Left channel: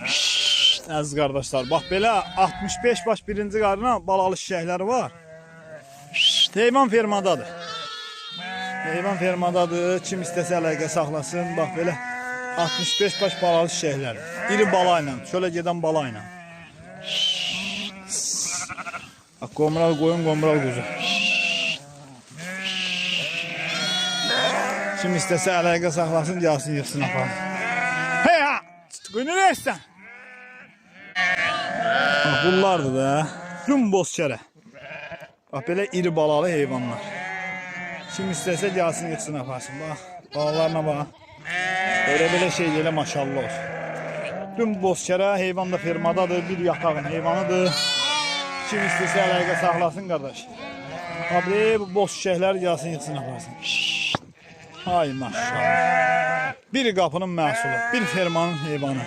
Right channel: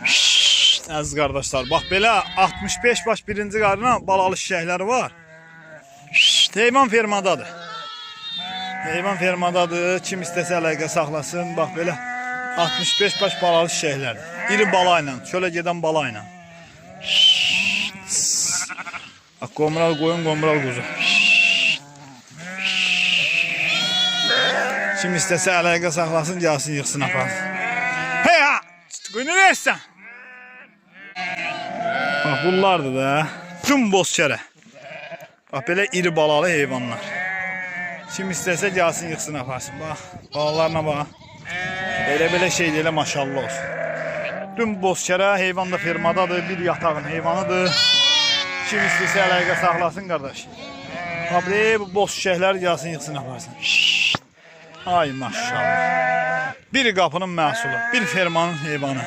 Əziz qardaşlar, bax belə 65 baş birinci qarına balalı şişəkləri var. Heyvan fermadadır. Heyvan fermadadır. Kim istəsə əlaqə saxlasın. Bax belə 65 baş balalı şişəklərdir. İri bala ilə, şöyle gedən bala ilə. Bax qomral qoyun, qomral quzu. Kim istəsə əlaqə saxlasın, gəlsin, yıxsın aparsın. Hey ha! Qoyunu versən. Bax bunlardır da. Tüm bozkərə. Bax belə iri balalı heyvanlar. Kim istəsə gəlsin, yıxsın aparsın. Bax balalarına bax. Belə şey deyil, maşallah olsun. Tüm bozkərə heyvan da fermadadır, bir yatağın heyvanıdır. Kim istəsə əlaqə saxlasın qardaş. Bax bu boz şişəklər gəlsin, yıxsın aparsın. Ay maşallah. Bir qapının məhsulu, bir fermanın heyvanı.